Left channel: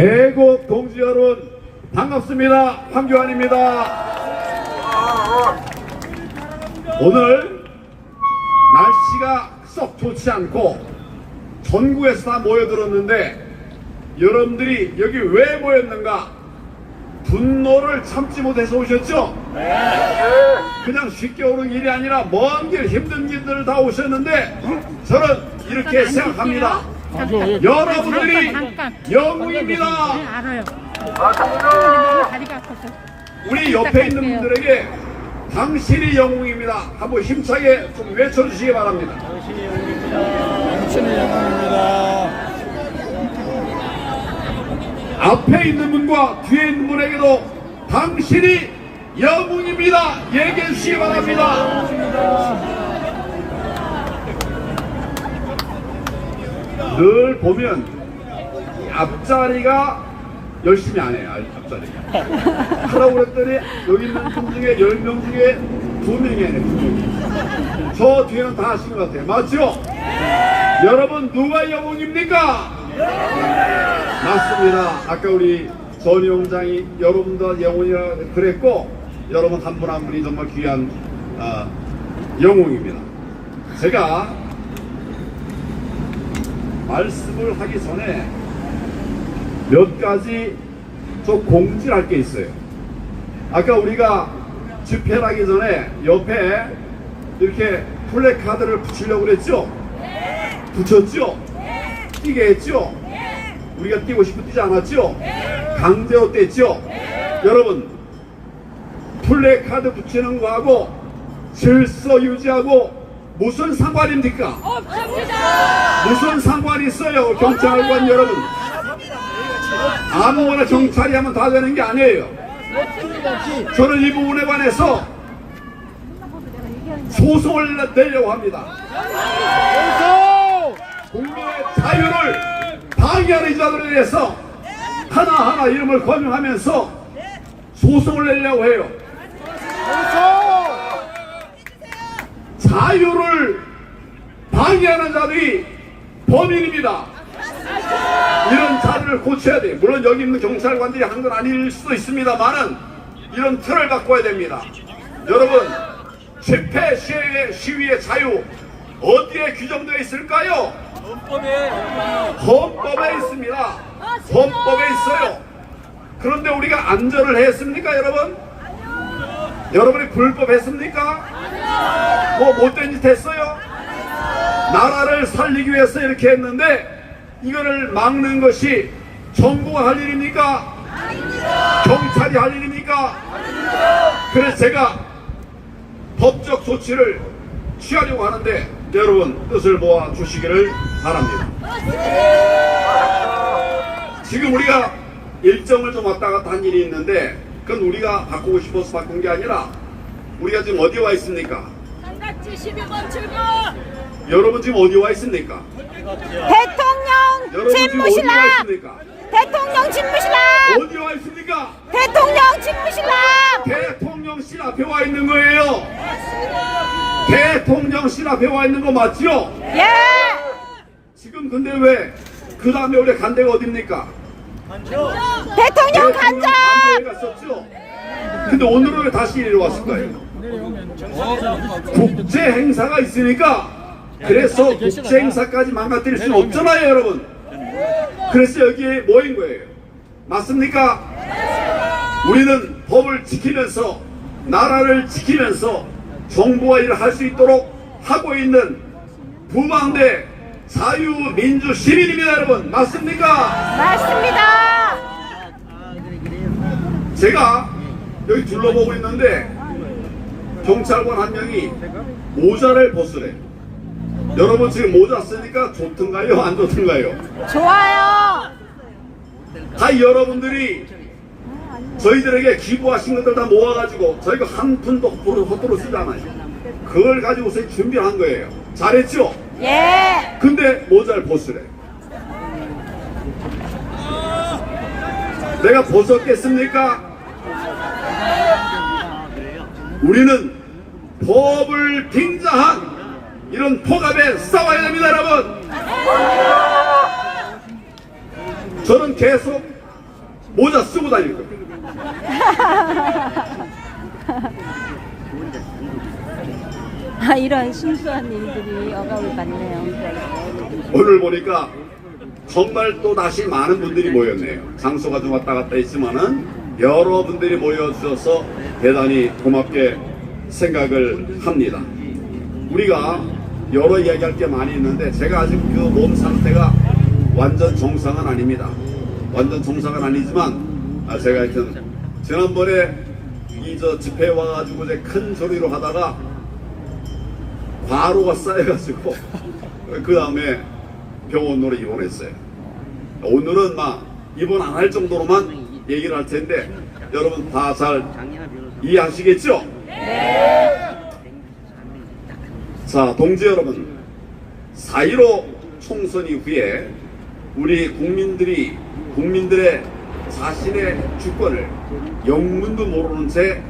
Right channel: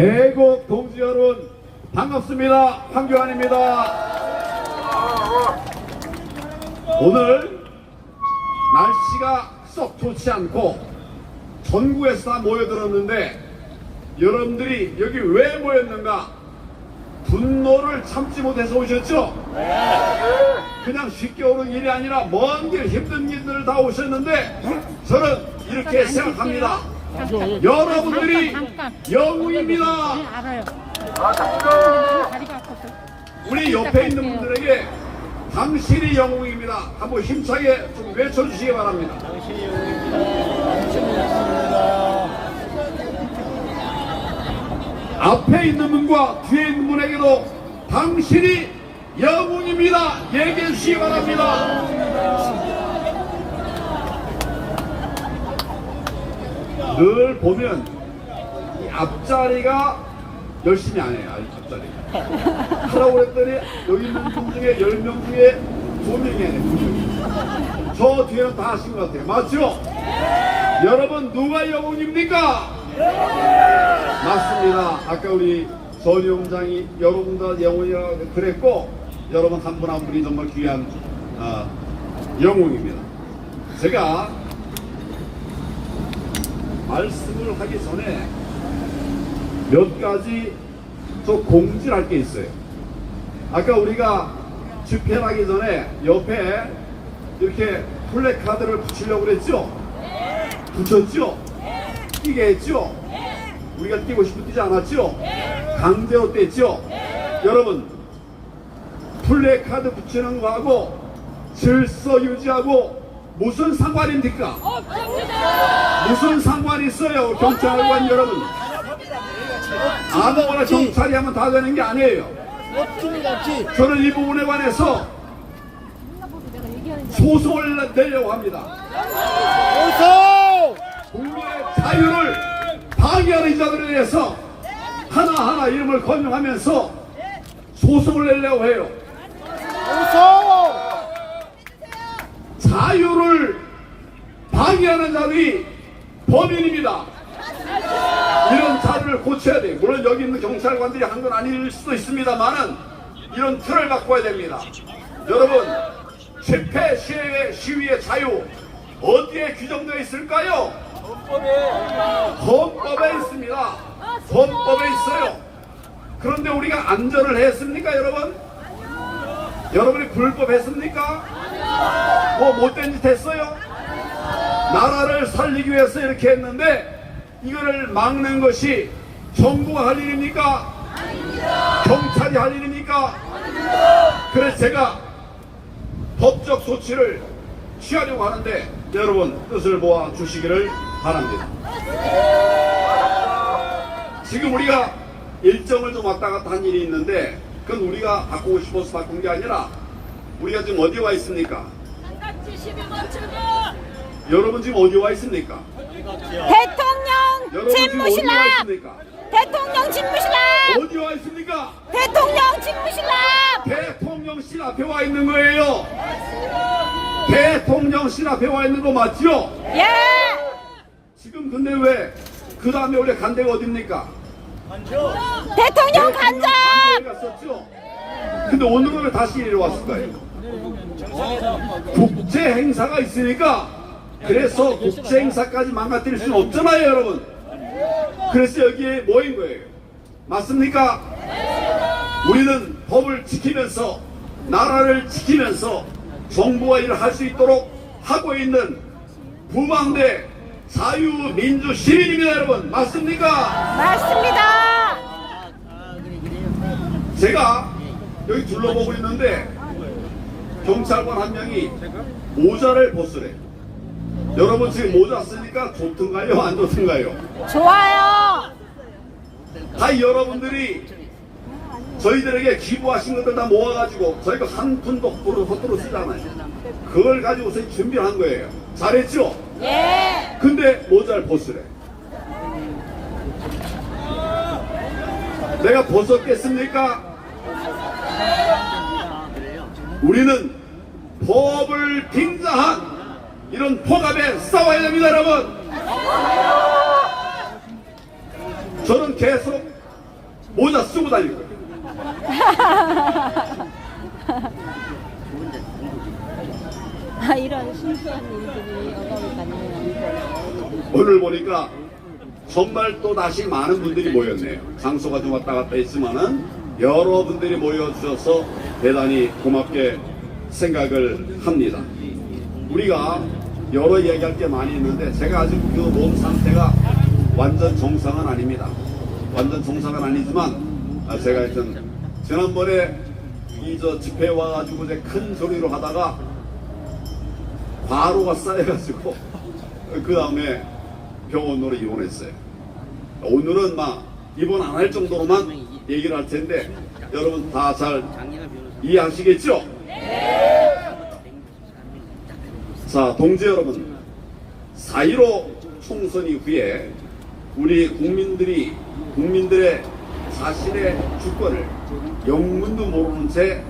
애국 동지 여러분 반갑습니다. 황교안입니다. 오늘 날씨가 썩 좋지 않고 전국에서 다 모여들었는데 여러분들이 여기 왜 모였는가? 분노를 참지 못해서 오셨죠? 그냥 쉽게 오는 일이 아니라 먼 길 힘든 길들을 다 오셨는데 저는 이렇게 생각합니다. 여러분들이 영웅입니다. 알아요. 우리 옆에 있는 분들에게 당신이 영웅입니다. 한번 힘차게 좀 외쳐주시기 바랍니다. 당신이 영웅입니다. 당신이 영웅입니다. 앞에 있는 분과 뒤에 있는 분에게도 당신이 영웅입니다. 얘기해 주시기 바랍니다. 늘 보면 이 앞자리가 열심히 안 해요. 앞자리가 하라고 그랬더니 여기 있는 분 중에 10명 중에 2명이 해요. 2명이. 저 뒤에는 다 하신 것 같아요. 맞죠? 여러분 누가 영웅입니까? 맞습니다. 아까 우리 전위원장이 여러분들 영웅이라고 그랬고 여러분 한 분 한 분이 정말 귀한 영웅입니다. 제가 말씀을 하기 전에 몇 가지 좀 공지를 할 게 있어요. 아까 우리가 집회를 하기 전에 옆에 이렇게 플래카드를 붙이려고 그랬죠? 붙였죠? 뛰게 했죠? 우리가 뛰고 싶어 뛰지 않았죠? 강제로 뗐죠? 여러분 플래카드 붙이는 거하고 질서 유지하고 무슨 상관입니까? 무슨 상관이 있어요? 경찰관 여러분 아무거나 경찰이 하면 다 되는 게 아니에요. 저는 이 부분에 관해서 소송을 내려고 합니다. 국민의 자유를 방해하는 이자들에 대해서 하나하나 이름을 거명하면서 소송을 내려고 해요. 자유를 방해하는 자들이 범인입니다. 이런 자리를 고쳐야 돼요. 물론 여기 있는 경찰관들이 한 건 아닐 수도 있습니다만은 이런 틀을 바꿔야 됩니다. 여러분 집회 시위의 자유 어디에 규정되어 있을까요? 헌법에 있습니다. 헌법에 있어요. 그런데 우리가 안전을 했습니까 여러분? 여러분이 불법했습니까? 뭐 못된 짓 했어요? 나라를 살리기 위해서 이렇게 했는데 이거를 막는 것이 정부가 할 일입니까? 경찰이 할 일입니까? 그래서 제가 법적 조치를 취하려고 하는데 여러분 뜻을 모아 주시기를 바랍니다. 지금 우리가 일정을 좀 왔다 갔다 한 일이 있는데 그건 우리가 바꾸고 싶어서 바꾼 게 아니라 우리가 지금 어디 와 있습니까? 여러분 지금 어디 와 있습니까? 대통령 집무실람! 대통령 집무실람! 어디 와 있습니까? 대통령 집무실람! 대통령실 앞에 와 있는 거예요. 대통령실 앞에 와 있는 거 맞죠? 예! 지금 근데 왜 그 다음에 우리 간 데가 어딥니까? 대통령 간접! 갔었죠? 근데 오늘은 왜 다시 이리 왔을까요? 국제 행사가 있으니까 그래서 국제 행사까지 망가뜨릴 수는 없잖아요 여러분. 그래서 여기에 모인 거예요. 맞습니까? 우리는 법을 지키면서 나라를 지키면서 정부가 일을 할 수 있도록 하고 있는 부망대 자유민주 시민입니다 여러분. 맞습니까? 맞습니다! 제가 여기 둘러보고 있는데 경찰관 한 명이 모자를 벗으래. 여러분 지금 모자 쓰니까 좋던가요? 안 좋던가요? 좋아요! 다 여러분들이 저희들에게 기부하신 것들 다 모아가지고 저희가 한 푼도 헛도로 쓰지 않아요. 그걸 가지고서 준비를 한 거예요. 잘했죠? 예! 근데 모자를 벗으래. 내가 벗었겠습니까? 우리는 법을 빙자한 이런 폭압에 싸워야 됩니다 여러분. 저는 계속 모자 쓰고 다닐 거예요. 이런 순수한 일들이 억압을 받네요. 오늘 보니까 정말 또 다시 많은 분들이 모였네요. 장소가 좀 왔다 갔다 있지만은 여러분들이 모여주셔서 대단히 고맙게 생각을 합니다. 우리가 여러 이야기할 게 많이 있는데 제가 아직 그 몸 상태가 완전 정상은 아닙니다. 완전 정상은 아니지만 제가 하여튼 지난번에 이 집회에 와가지고 이제 큰 소리로 하다가 과로가 쌓여가지고 그 다음에 병원으로 입원했어요. 오늘은 막 입원 안 할 정도로만 얘기를 할 텐데 여러분 다 잘 이해하시겠죠? 자, 동지 여러분, 4.15 총선 이후에 우리 국민들의 자신의 주권을 영문도 모르는 채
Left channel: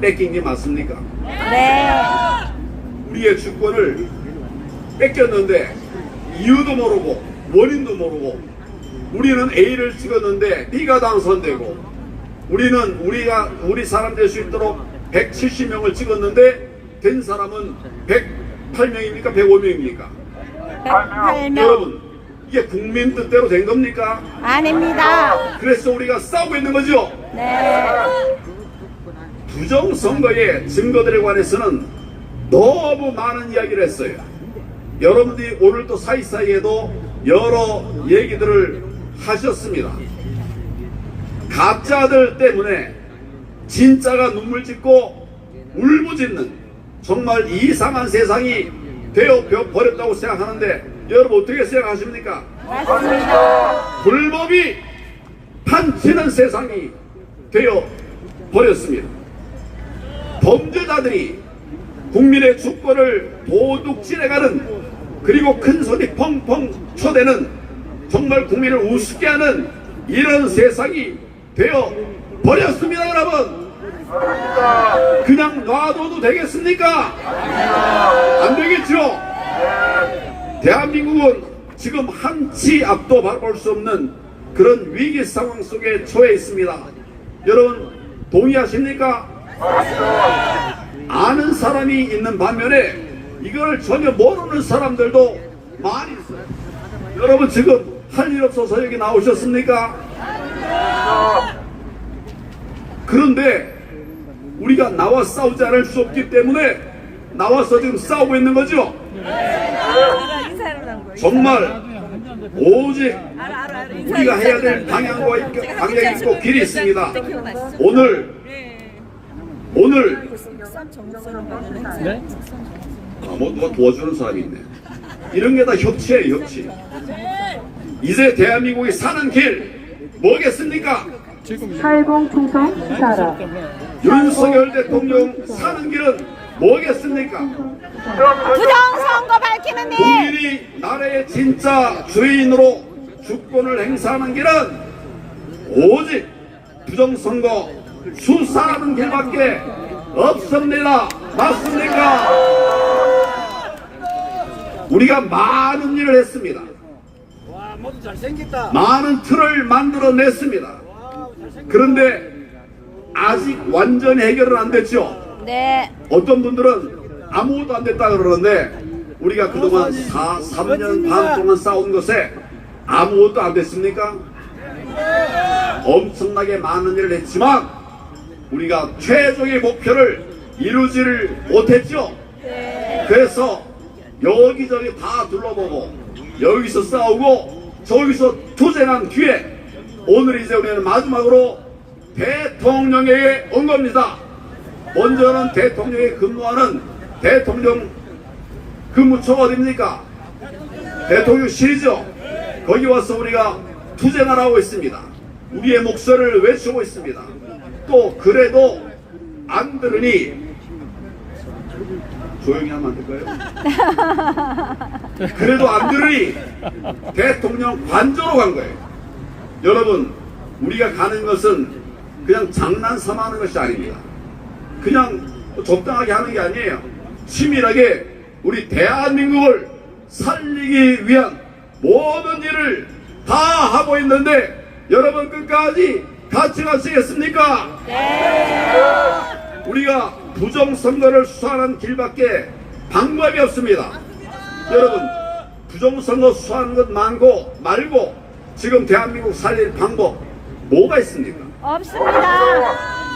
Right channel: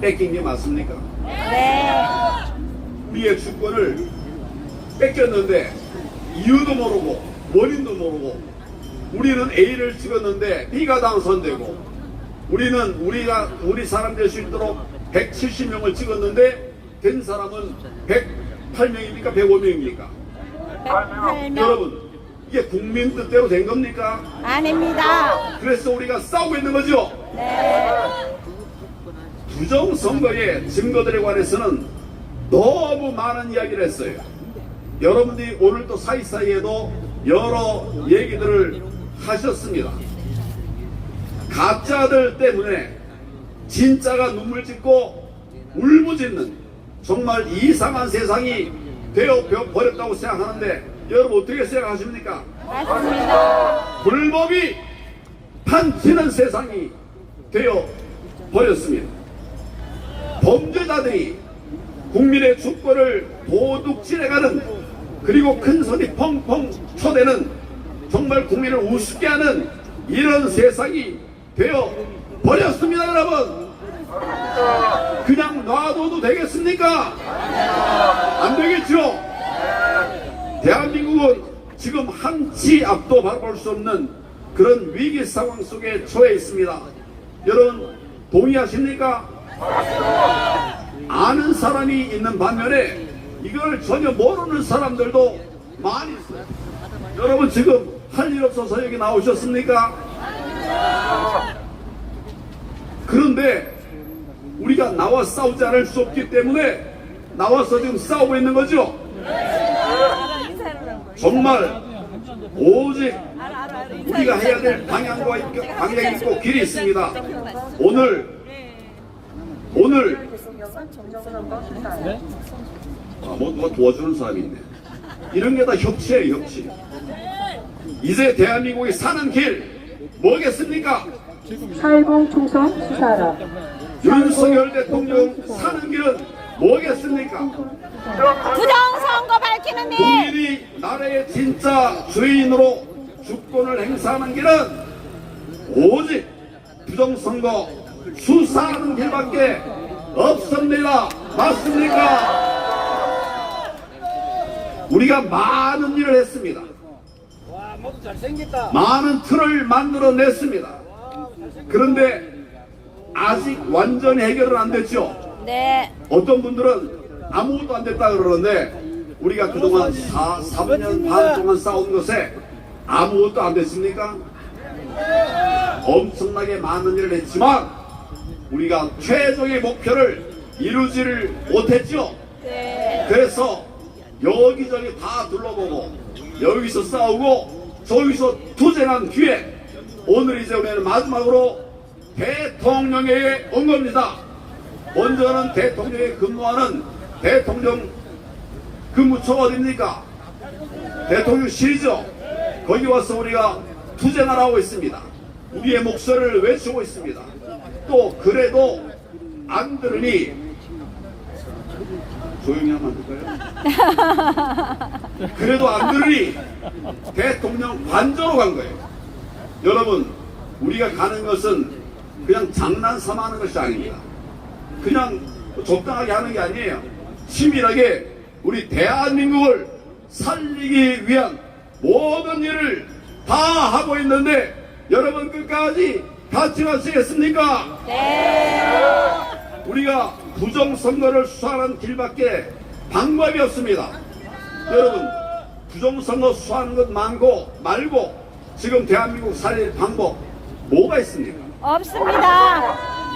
뺏긴 게 맞습니까? 네. 우리의 주권을 뺏겼는데 이유도 모르고 원인도 모르고 우리는 A를 찍었는데 B가 당선되고 우리 사람 될 수 있도록 170명을 찍었는데 된 사람은 108명입니까? 105명입니까? 8명. 여러분, 이게 국민 뜻대로 된 겁니까? 아닙니다. 그래서 우리가 싸우고 있는 거죠? 네. 부정선거의 증거들에 관해서는 너무 많은 이야기를 했어요. 여러분들이 오늘 또 사이사이에도 여러 얘기들을 하셨습니다. 가짜들 때문에 진짜가 눈물 짓고 울부짖는 정말 이상한 세상이 되어 버렸다고 생각하는데 여러분 어떻게 생각하십니까? 맞습니다. 불법이 판치는 세상이 되어 버렸습니다. 범죄자들이 국민의 주권을 도둑질해가는 그리고 큰 소리 펑펑 쳐대는 정말 국민을 우습게 하는 이런 세상이 되어 버렸습니다. 여러분, 그냥 놔둬도 되겠습니까? 안 되겠죠? 대한민국은 지금 한치 앞도 바라볼 수 없는 그런 위기 상황 속에 처해 있습니다. 여러분 동의하십니까? 아는 사람이 있는 반면에 이걸 전혀 모르는 사람들도 많이 있어요. 여러분 지금 할 일 없어서 여기 나오셨습니까? 그런데 우리가 나와 싸우지 않을 수 없기 때문에 나와서 지금 싸우고 있는 거죠? 정말 오직 우리가 해야 될 방향이 있고 길이 있습니다. 오늘 누가 도와주는 사람이 있네. 이런 게 다 협치예요, 협치. 이제 대한민국이 사는 길 뭐겠습니까? 8.0 총선 수사로 윤석열 대통령 사는 길은 뭐겠습니까? 부정선거 밝히는 일. 국민이 나라의 진짜 주인으로 주권을 행사하는 길은 오직 부정선거 수사하는 길밖에 없습니다. 맞습니까? 우리가 많은 일을 했습니다. 많은 틀을 만들어냈습니다. 그런데 아직 완전히 해결은 안 됐죠. 네. 어떤 분들은 아무것도 안 됐다 그러는데 우리가 그동안 3년 반 동안 싸운 것에 아무것도 안 됐습니까? 엄청나게 많은 일을 했지만 우리가 최종의 목표를 이루지를 못했죠. 네. 그래서 여기저기 다 둘러보고 여기서 싸우고 저기서 투쟁한 뒤에 오늘 이제 우리는 마지막으로 대통령에게 온 겁니다. 먼저는 대통령이 근무하는 대통령 근무처가 어딥니까? 대통령실이죠. 거기 와서 우리가 투쟁을 하고 있습니다. 우리의 목소리를 외치고 있습니다. 또 그래도 안 들으니 조용히 하면 안 될까요? 그래도 안 들으니 대통령 관저로 간 거예요. 여러분, 우리가 가는 것은 그냥 장난삼아 하는 것이 아닙니다. 그냥 적당하게 하는 게 아니에요. 치밀하게 우리 대한민국을 살리기 위한 모든 일을 다 하고 있는데 여러분 끝까지 같이 가시겠습니까? 네. 우리가 부정선거를 수사하는 길밖에 방법이 없습니다. 여러분, 부정선거 수사하는 것 말고 지금 대한민국 살릴 방법 뭐가 있습니까? 없습니다.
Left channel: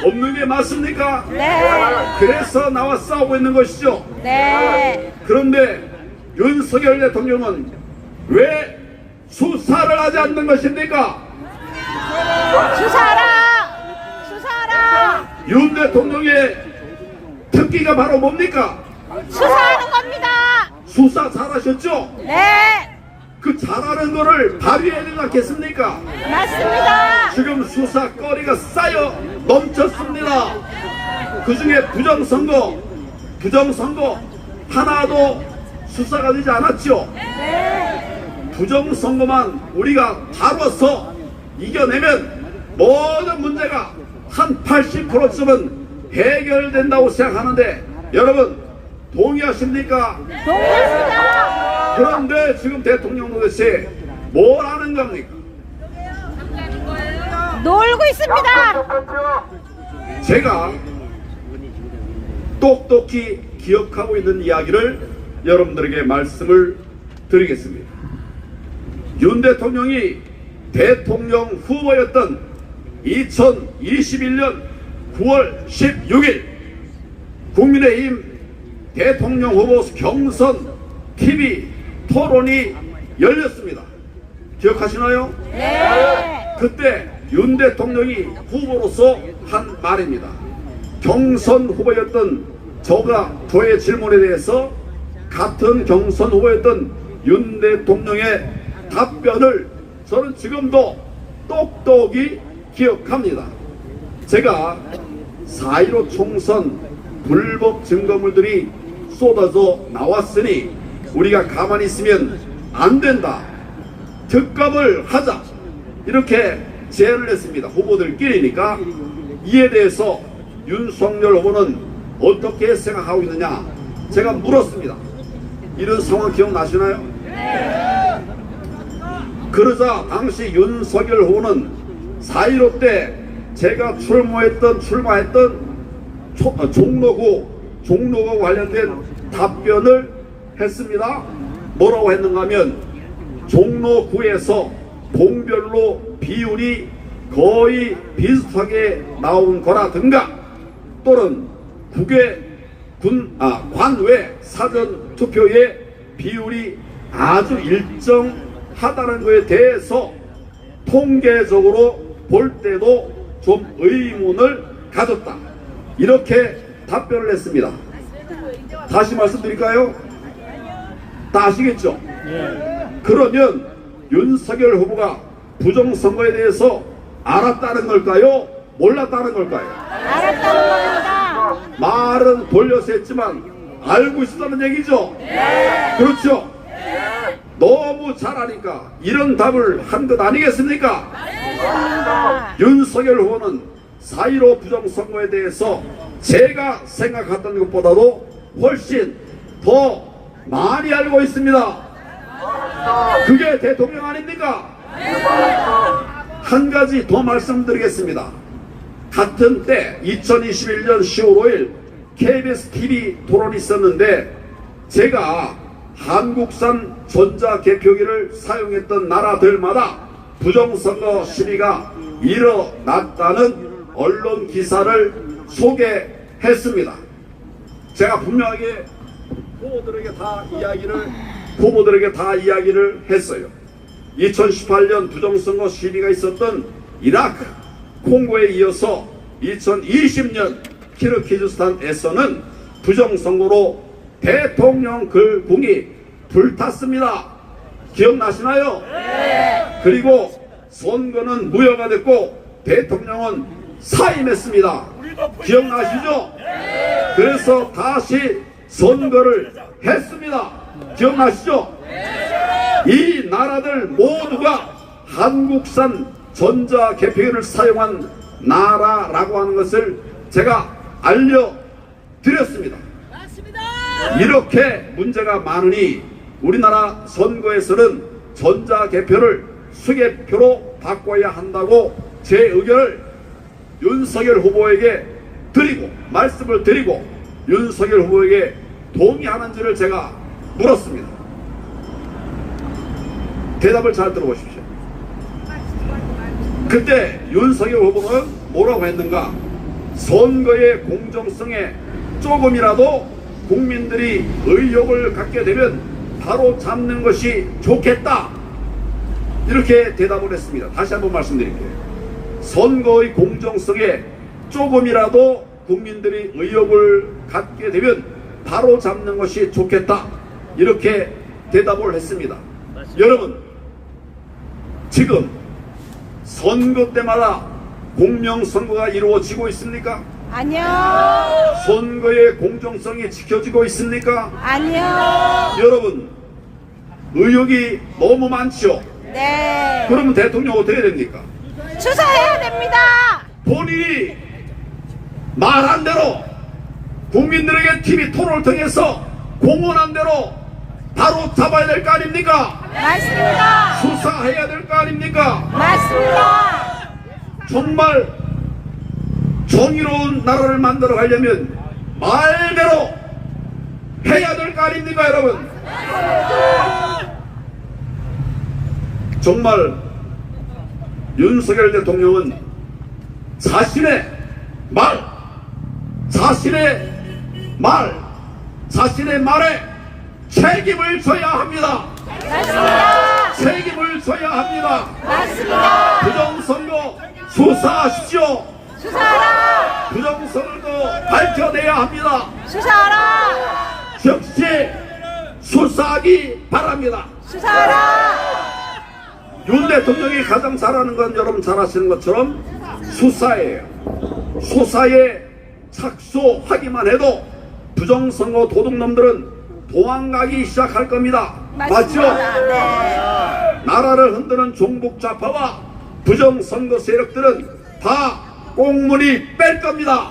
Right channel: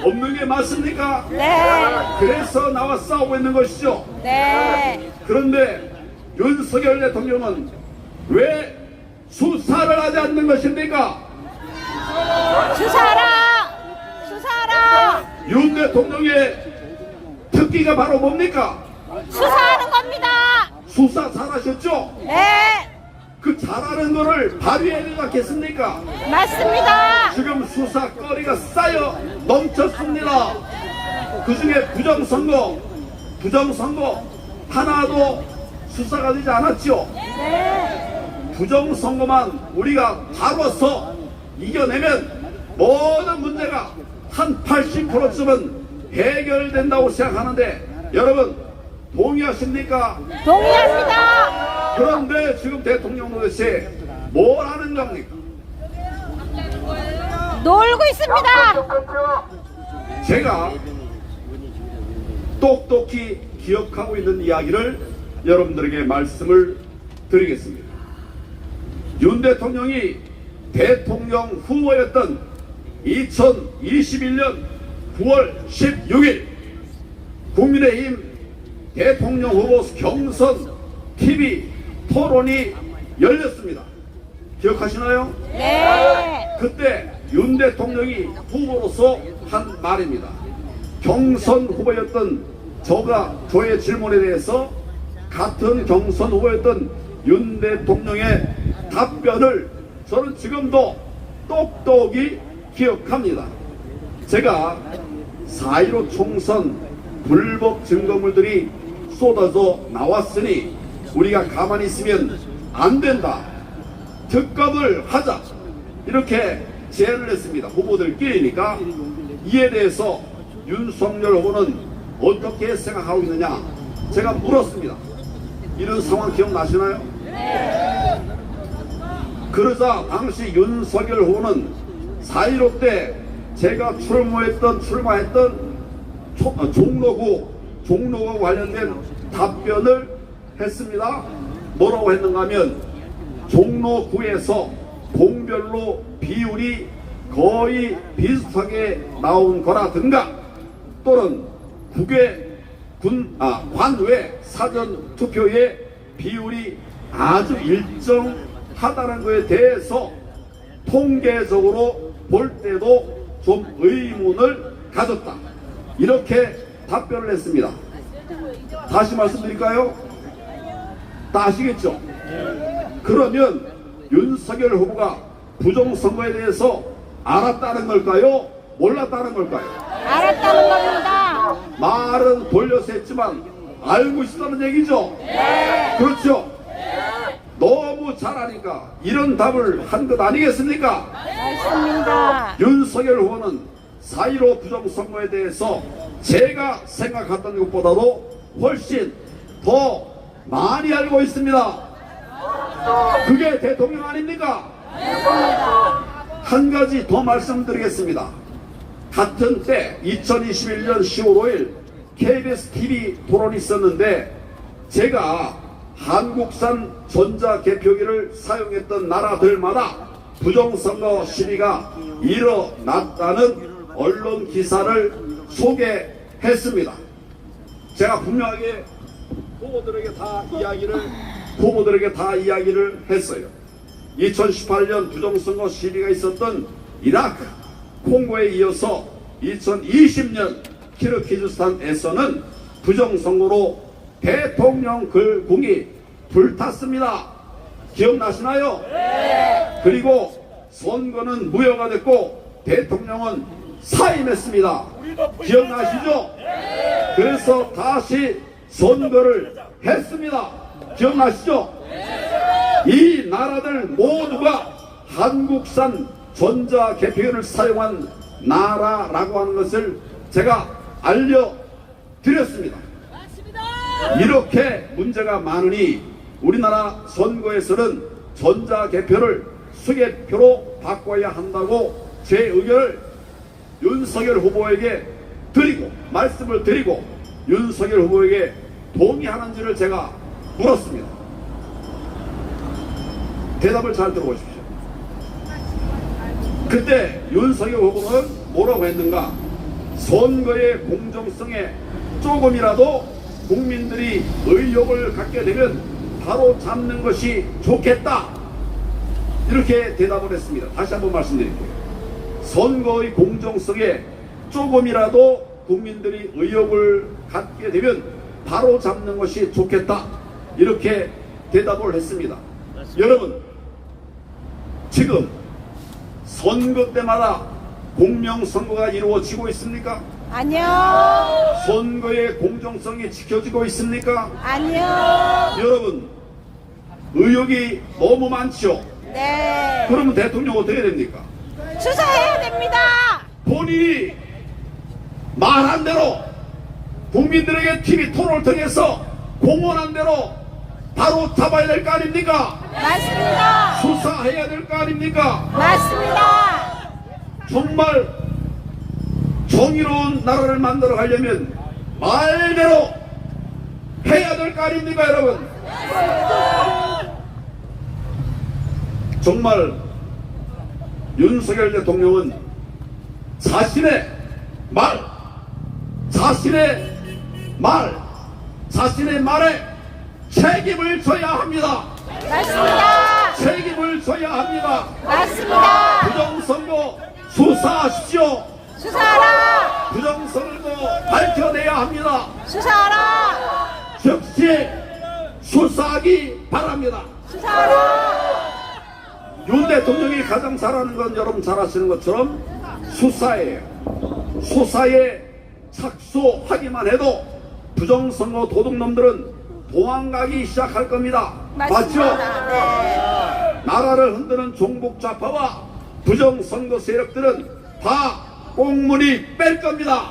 없는 게 맞습니까? 네. 그래서 나와 싸우고 있는 것이죠. 네. 그런데 윤석열 대통령은 왜 수사를 하지 않는 것입니까? 수사라! 수사라! 윤 대통령의 특기가 바로 뭡니까? 수사하는 겁니다. 수사 잘하셨죠? 네. 그 잘하는 거를 발휘해야 되지 않겠습니까? 맞습니다. 지금 수사거리가 쌓여 넘쳤습니다. 그 중에 부정선거 하나도 수사가 되지 않았죠. 네. 부정선거만 우리가 다뤄서 이겨내면 모든 문제가 한 80%쯤은 해결된다고 생각하는데 여러분 동의하십니까? 동의합니다. 그런데 지금 대통령 도대체 뭘 하는 겁니까? 놀고 있습니다. 제가 똑똑히 기억하고 있는 이야기를 여러분들에게 말씀을 드리겠습니다. 윤 대통령이 대통령 후보였던 2021년 9월 16일 국민의힘 대통령 후보 경선 TV 토론이 열렸습니다. 기억하시나요? 네. 그때 윤 대통령이 후보로서 한 말입니다. 경선 후보였던 저의 질문에 대해서 같은 경선 후보였던 윤 대통령의 답변을 저는 지금도 똑똑히 기억합니다. 제가 4.15 총선 불법 증거물들이 쏟아져 나왔으니 우리가 가만히 있으면 안 된다. 특검을 하자. 이렇게 제안을 했습니다. 후보들끼리니까. 이에 대해서 윤석열 후보는 어떻게 생각하고 있느냐 제가 물었습니다. 이런 상황 기억나시나요? 네. 그러자 당시 윤석열 후보는 4.15 때 제가 출마했던 종로구 관련된 답변을 했습니다. 뭐라고 했는가 하면 종로구에서 동별로 비율이 거의 비슷하게 나온 거라든가 또는 관외 사전 투표의 비율이 아주 일정하다는 것에 대해서 통계적으로 볼 때도 좀 의문을 가졌다. 이렇게 답변을 했습니다. 다시 말씀드릴까요? 다 아시겠죠? 그러면 윤석열 후보가 부정선거에 대해서 알았다는 걸까요? 몰랐다는 걸까요? 알았다는 겁니다. 말은 돌려서 했지만 알고 있었다는 얘기죠? 네. 그렇죠? 너무 잘 아니까 이런 답을 한 것 아니겠습니까? 맞습니다. 윤석열 후보는 4.15 부정선거에 대해서 제가 생각했던 것보다도 훨씬 더 많이 알고 있습니다. 그게 대통령 아닙니까? 한 가지 더 말씀드리겠습니다. 같은 때 2021년 10월 5일 KBS TV 토론이 있었는데 제가 한국산 전자개표기를 사용했던 나라들마다 부정선거 시비가 일어났다는 언론 기사를 소개했습니다. 제가 분명하게 후보들에게 다 이야기를 했어요. 2018년 부정선거 시비가 있었던 이라크, 콩고에 이어서 2020년 키르기즈스탄에서는 부정선거로 대통령 글궁이 불탔습니다. 기억나시나요? 네. 그리고 선거는 무효가 됐고 대통령은 사임했습니다. 기억나시죠? 네. 그래서 다시 선거를 했습니다. 기억나시죠? 네. 이 나라들 모두가 한국산 전자개표기를 사용한 나라라고 하는 것을 제가 알려드렸습니다. 이렇게 문제가 많으니 우리나라 선거에서는 전자개표를 수개표로 바꿔야 한다고 제 의견을 윤석열 후보에게 드리고 말씀을 드리고 윤석열 후보에게 동의하는지를 제가 물었습니다. 대답을 잘 들어보십시오. 그때 윤석열 후보는 뭐라고 했는가? 선거의 공정성에 조금이라도 국민들이 의욕을 갖게 되면 바로 잡는 것이 좋겠다, 이렇게 대답을 했습니다. 다시 한번 말씀드릴게요. 선거의 공정성에 조금이라도 국민들이 의욕을 갖게 되면 바로 잡는 것이 좋겠다, 이렇게 대답을 했습니다. 맞습니다. 여러분, 지금 선거 때마다 공명선거가 이루어지고 있습니까? 아니요. 선거의 공정성이 지켜지고 있습니까? 아니요. 여러분, 의혹이 너무 많죠? 네. 그러면 대통령 어떻게 됩니까? 수사해야 됩니다. 본인이 말한 대로 국민들에게 TV 토론을 통해서 공언한 대로 바로 잡아야 될 거 아닙니까? 맞습니다. 수사해야 될 거 아닙니까? 맞습니다. 정말 정의로운 나라를 만들어 가려면 말대로 해야 될 거 아닙니까, 여러분? 정말 윤석열 대통령은 자신의 말에 책임을 져야 합니다. 맞습니다. 책임을 져야 합니다. 맞습니다. 부정선거 수사하십시오. 수사하라. 부정선거도 밝혀내야 합니다. 수사하라. 즉시 수사하기 바랍니다. 수사하라. 윤 대통령이 가장 잘하는 건 여러분 잘 아시는 것처럼 수사예요. 수사에 착수하기만 해도 부정선거 도둑놈들은 도망가기 시작할 겁니다. 맞죠? 네. 나라를 흔드는 종북좌파와 부정선거 세력들은 다 꽁무니 뺄 겁니다.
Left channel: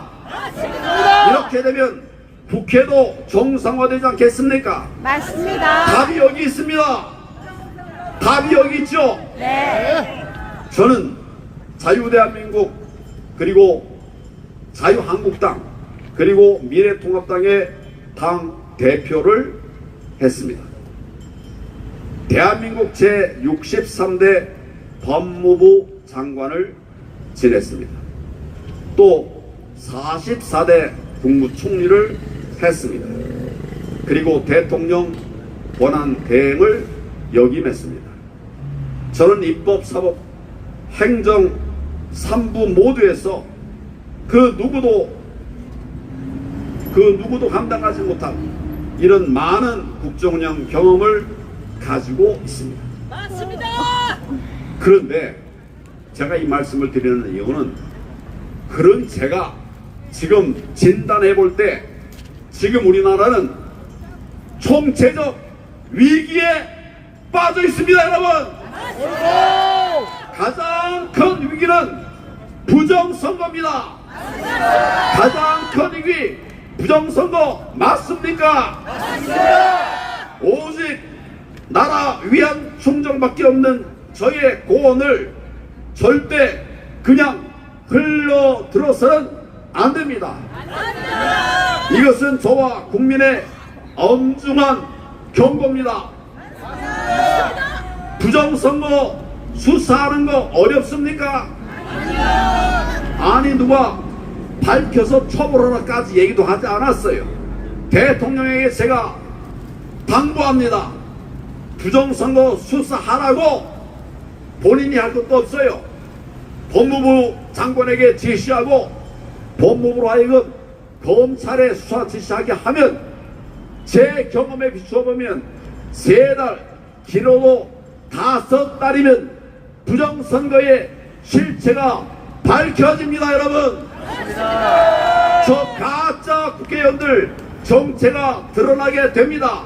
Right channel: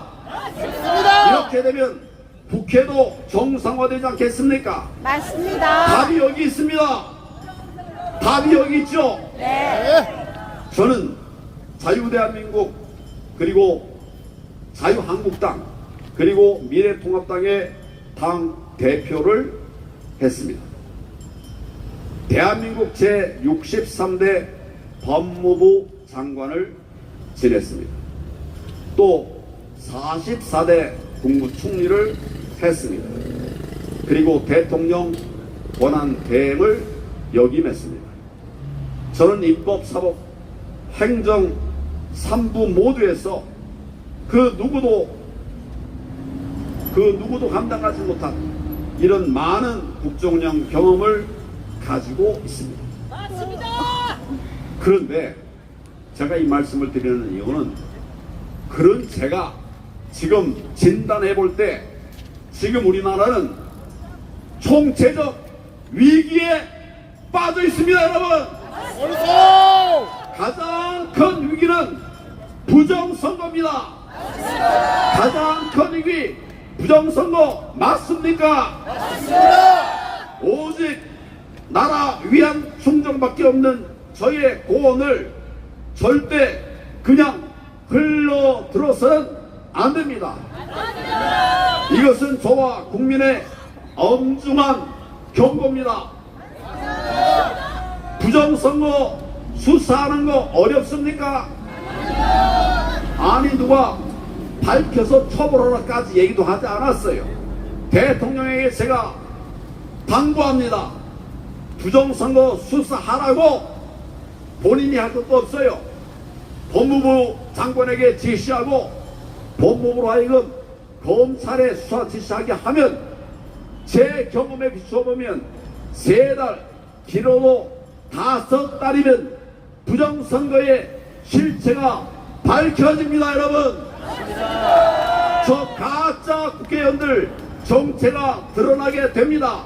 이렇게 되면 국회도 정상화되지 않겠습니까? 맞습니다. 답이 여기 있습니다. 답이 여기 있죠? 네. 저는 자유대한민국, 그리고 자유한국당, 그리고 미래통합당의 당 대표를 했습니다. 대한민국 제63대 법무부 장관을 지냈습니다. 또 44대 국무총리를 했습니다. 그리고 대통령 권한 대행을 역임했습니다. 저는 입법, 사법, 행정 3부 모두에서 그 누구도 감당하지 못한 이런 많은 국정운영 경험을 가지고 있습니다. 그런데 제가 이 말씀을 드리는 이유는, 그런 제가 지금 진단해 볼 때 지금 우리나라는 총체적 위기에 빠져 있습니다, 여러분. 가장 큰 위기는 부정선거입니다. 가장 큰 위기 부정선거 맞습니까? 오직 나라 위안 충정밖에 없는 저의 고언을 절대 그냥 흘러들어서는 안 됩니다. 이것은 저와 국민의 엄중한 경고입니다. 부정선거 수사하는 거 어렵습니까? 아니, 누가 밝혀서 처벌하라까지 얘기도 하지 않았어요. 대통령에게 제가 당부합니다. 부정선거 수사하라고 본인이 할 것도 없어요. 법무부 장관에게 지시하고 법무부로 하여금 검찰에 수사 지시하게 하면, 제 경험에 비춰보면 3달, 길어도 5달이면 부정선거의 실체가 밝혀집니다, 여러분. 저 가짜 국회의원들 정체가 드러나게 됩니다.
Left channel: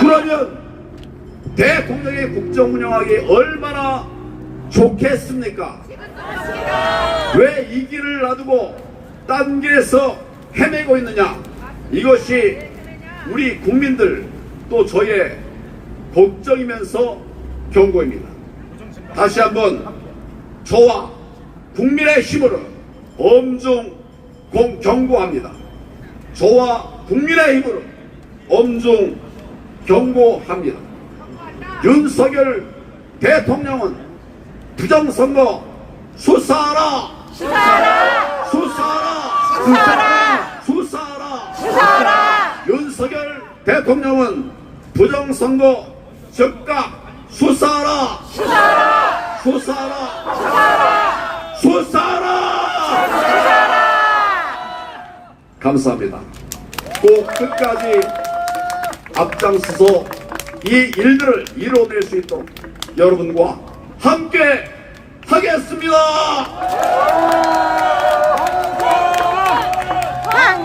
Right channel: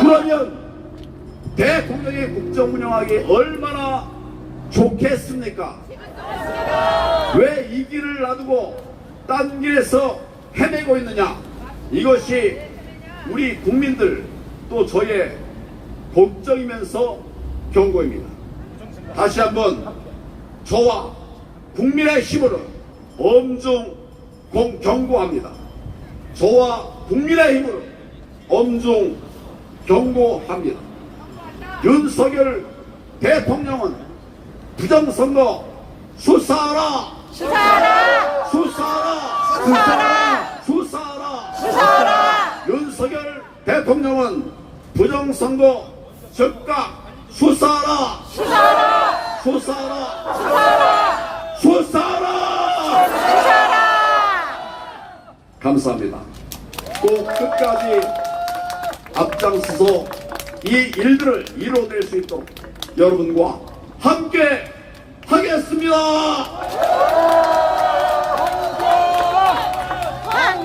그러면 대통령의 국정 운영하기 얼마나 좋겠습니까? 왜 이 길을 놔두고 딴 길에서 헤매고 있느냐? 이것이 우리 국민들, 또 저의 걱정이면서 경고입니다. 다시 한번 저와 국민의 힘으로 엄중 경고합니다. 저와 국민의 힘으로 엄중 경고합니다. 윤석열 대통령은 부정선거 수사하라! 수사하라! 수사하라! 수사하라! 수사하라! 수사하라! 윤석열 대통령은 부정선거 즉각 수사하라! 수사하라! 수사하라! 수사하라! 수사하라! 수사하라! 감사합니다. 꼭 끝까지 앞장서서 이 일들을 이뤄낼 수 있도록 여러분과 함께 하겠습니다.